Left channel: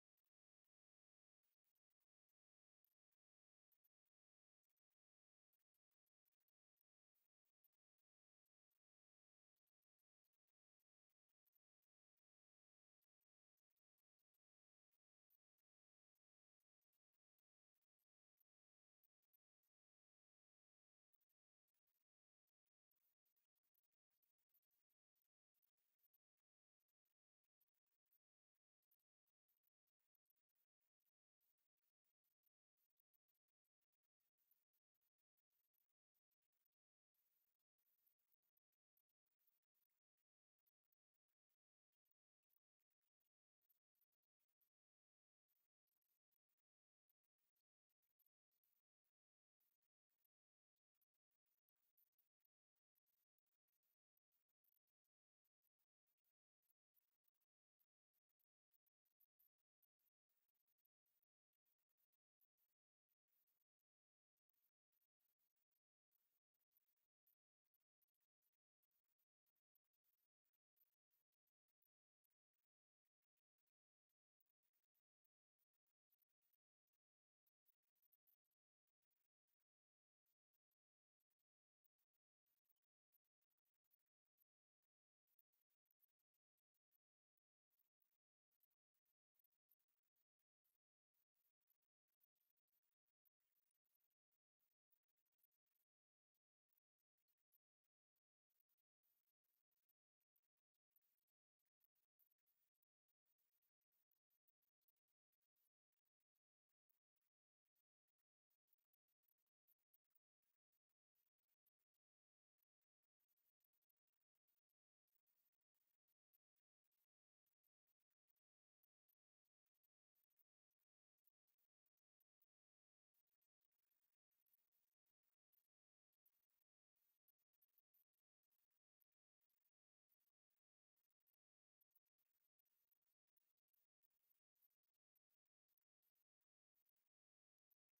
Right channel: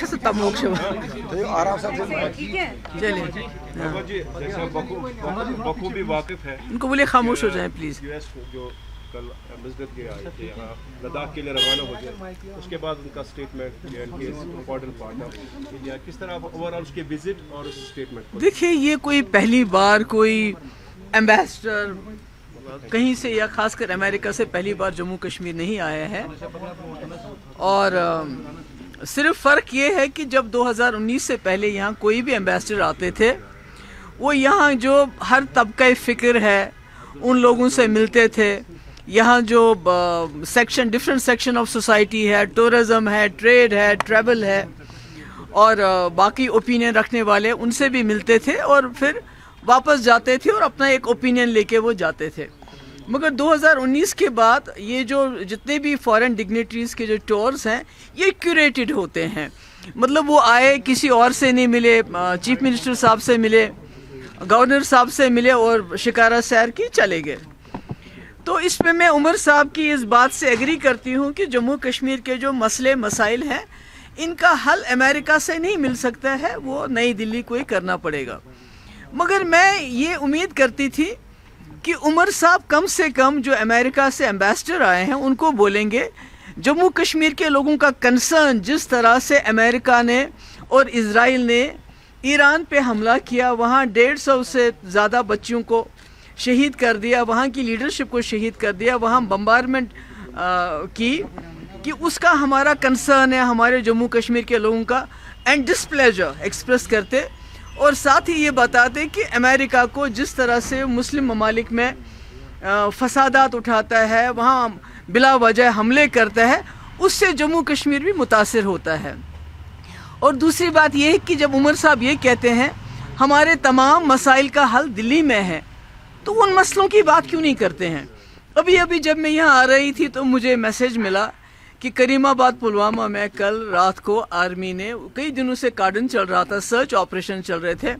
अच्छे से तमोक्ष आराम से चलिए बाबा जी, जैसा बखूबी वाकिफ है, इनको बोलिए खामोश हो जाएं प्लीज़। यूएस जो कल मस्जिद के आए थे यहाँ लद्दाख के लिए रवाना हो गए, उसके बाद उनका statement important part of India, किस तरह ओवरऑल उसके विजिट और उस स्टेटमेंट को देखिए ये कोई पहली बार कोई एम्बेसडर कहीं से या खासकर अमेरिका से पहली बार जम्मू कश्मीर नहीं आया है। और सिर्फ फ़र्क ये है कि जब 2019 से पहले यहाँ कोई भी एम्बेसडर आते थे वो यहाँ जो हर तबका फ़िक्र है उन लोगों से मिलते थे। यहाँ जो section different section of society है, टूरिज़म है, ट्रेड है, ट्रैवल है और बाकी ओपिनियन रखने वाले उनसे भी मिलते थे और फिर वापस जाते थे और अपना एक ओपिनियन लेके वो जाते थे। मगर 2019 के बाद ये जो जितने भी फॉरेन डिग्निटरीज़ के जो टूर्स हैं ये क्यूरेटेड होते हैं। मतलब वो आए किसी और से नहीं मिले, चीफ मिनिस्टर साहब से मिले, गवर्नर साहब से मिले और शिकारा सैर की चले गए। तो इसमें मैं उमर साहब की इस बात से एग्री करती हूँ कि जम्मू कश्मीर के जो मसले मसाइल हैं इनका हल अमेरिका से नहीं मिल सकता है, वो नई दिल्ली को ही करना पड़ेगा। मगर मैं ये उम्मीद करती थी कि उमर साहब कम से कम जो अमेरिका से एम्बेसडर आए हैं उनको बोलेंगे जम्मू कश्मीर के लोगों का कंसर्न, जिस तरह से अमेरिका ने और इज़राइल ने ईरान पे हमला किया, वहाँ 150 से ज़्यादा बच्चियों को शहीद कर दिया, वहाँ की लीडरशिप को शहीद कर दिया, वहाँ बम्बारमेंट कि उसका हमारा कंसर्न है हमारे जम्मू कश्मीर के लोगों का, एंड डिस्प्लेजर एक्सप्रेस करते और साथ ही ये बताते कि अमेरिका को जिस तरह से मुस्लिम ममालिक में फसादात उठाता है, वहाँ बिला वजह हमले करता है, उससे जम्मू कश्मीर भी मुतासिर होता है। और दूसरी बात यह है कि जब उमर साहब ये कहते हैं हमारे तमाम मसाइल का हल दिल्ली में है, तो उन मसलों की बात क्यों नहीं करते हैं। अभी जब मैं यहाँ आ रही थी तो मुझे मैसेज मिला कि करीमाबाद पुलवामा में कल रात को आर्मी ने, कई दिनों से कार्डन चल रहा था, सर्च ऑपरेशन चल रहे थे,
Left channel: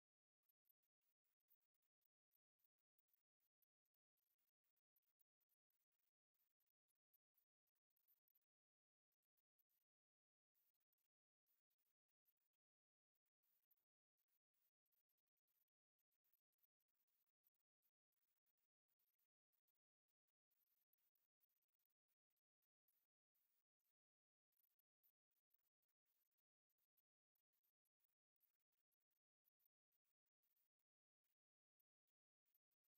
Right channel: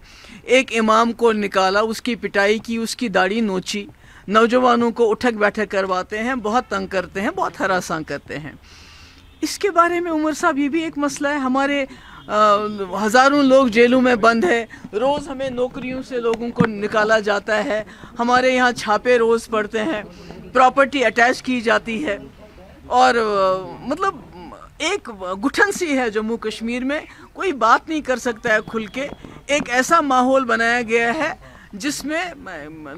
एक इमाम को निकाला, उसकी पिटाई की, उसकी दाढ़ी नोची, नौजवानों को उठक बैठक करवाते हैं, बहुत तंग करते हैं, बहुत हरासां करते हैं। इसके बारे में उमर साहब ये भी एक मसला है, हमारे हज़ारों लोग जेलों में बंद है, रोज़ हमें नौकरियों से लोगों को निकाला जाता है, हमारे यहाँ छापे रोज़ पड़ते हैं, प्रॉपर्टी अटैच की जाती है और मतलब एक घुटन सी है जम्मू कश्मीर में, कोई बात नहीं कर सकता है खुल के। एक ऐसा माहौल बनाया गया है जिसमें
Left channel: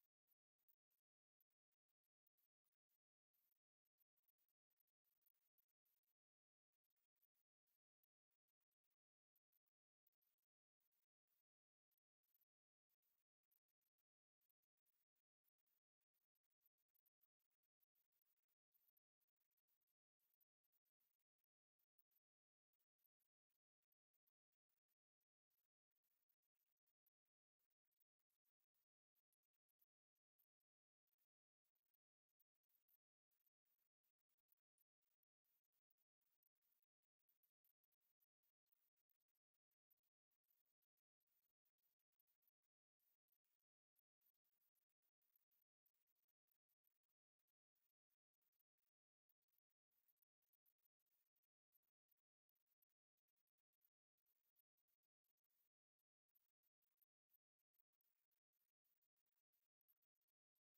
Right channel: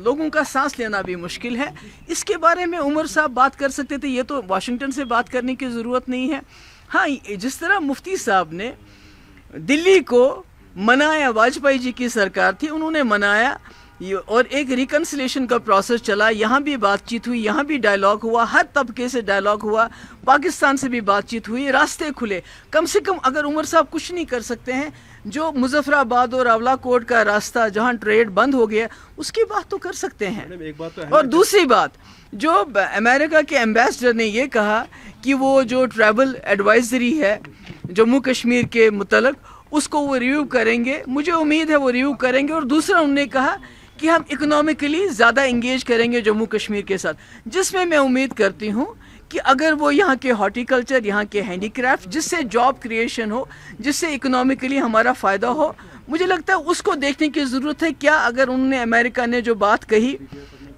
लोगों का सांस लेना भी मुश्किल है। इसके बारे में उमर साहब बात कर सकते थे, ये तो वाशिंगटन से बात करने की ज़रूरत नहीं है। हाँ, जिस तरह मुफ्ती साहब ने दिल्ली को मनाया, वाजपेयी जी की सरकार थी, उन्होंने मनाया और एक रिकन्सिलेशन का प्रोसेस चला, यहाँ भी बातचीत हुई, यहाँ भी डायलॉग हुआ, हर तबके से डायलॉग हुआ, पाकिस्तान से भी बातचीत हुई, रास्ते खुले। कम से कम अगर उमर साहब कुछ नहीं कर सकते हैं, जो मुजफ्फराबाद और रावलाकोट का रास्ता जहाँ ट्रेड बंद हो गया उसकी बात तो कर सकते हैं। एक बात तो है। और दूसरी बात, जो अमेरिका के एम्बेसडर ने ये कहा कि वो जो ट्रैवल एडवाइजरी है जम्मू कश्मीर के मुतल्लिक़ उसको वो रिव्यू करेंगे, मुझे उम्मीद है वो रिव्यू करेंगे। और दूसरा उन्होंने कहा कि हम इकोनॉमिकली ज़्यादा इंगेज करेंगे जम्मू कश्मीर के साथ, जिसमें मैं उम्मीद करती हूँ कि अगर वो यहाँ के हॉर्टिकल्चर, यहाँ के हैंडीक्राफ्ट, जिससे जॉब क्रिएशन हो, जिससे इकोनॉमिकली हमारा फ़ायदा हो, मुझे लगता है उसको देखने की ज़रूरत है। क्या अगर उन्होंने, अमेरिका ने जो बात कही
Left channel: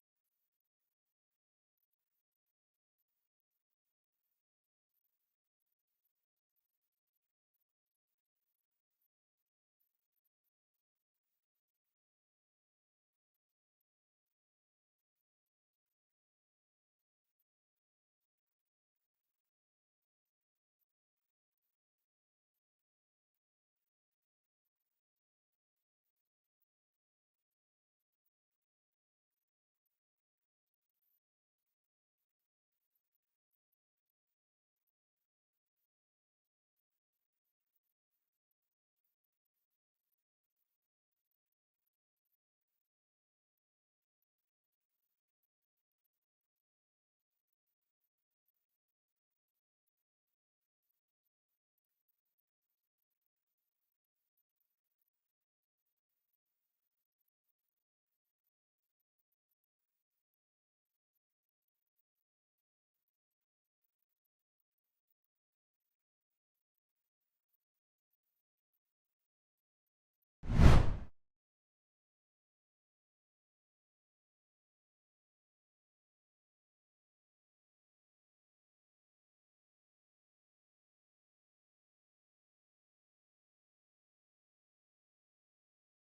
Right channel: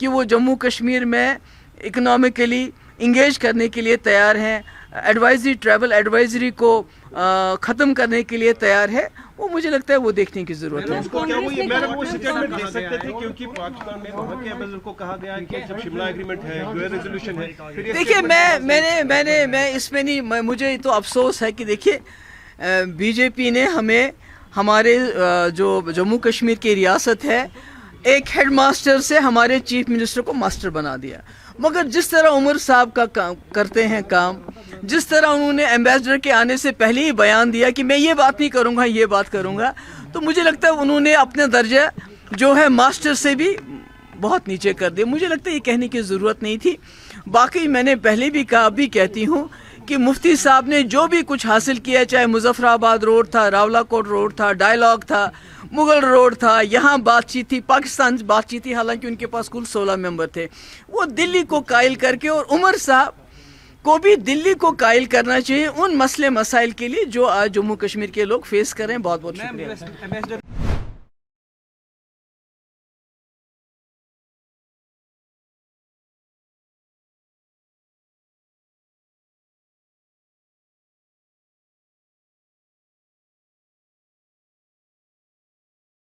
कि वो जम्मू कश्मीर में इकोनॉमिकली इंगेज करने के लिए तैयार हैं, एडवाइजरी, ट्रैवल एडवाइजरी को ख़त्म करने के लिए तैयार है, वो मुझे लगता है वो देखने की ज़रूरत है। वो स्टेटमेंट दे सकते थे क्योंकि पाकिस्तान में वहाँ के एम्बेसडर को कहा गया कि जब शिमला एग्रीमेंट है, यूएन रेजोल्यूशन है। देखिए मैं इसमें नहीं, मुझे तो अफसोस है कि देखिए बीजेपी ने हमें, हमारे जो जम्मू कश्मीर की रियासत है, एक हेड मास्टर से हमारे चीफ मिनिस्टर को मास्टर बना दिया। मगर जिस तरह उमर साहब का काम करते हैं काम, जिस तरह उन्होंने एम्बेसडर के आने से पहले ही बयान दिया कि मैं ये बात नहीं करूँगा, ये बात करूँगा, तो मुझे लगता है उन्होंने अपने दर्जा जो है मास्टर से भी बहुत नीचे कर दिया। मुझे लगता है ये कहने की ज़रूरत नहीं थी। बाकी मैंने पहले भी कहा, अभी कहती हूँ कि मुफ्ती साहब ने जो भी कुछ हासिल किया, चाहे मुजफ्फराबाद रोड था, रावलाकोट रोड था, डायलॉग था, मुगल रोड था, यहाँ बातचीत थी, पाकिस्तान से बातचीत थी, हालांकि उनके पास कुल 16 मेंबर थे, वो दिल्ली को कायल करके, और उमर साहब کو بھی دلی کو قائل کرنا چاہیے ان مسئلے مسائل کے لیے جو آج جموں کشمیر کے لوگ فیس کریں. بہت بہت شکریہ.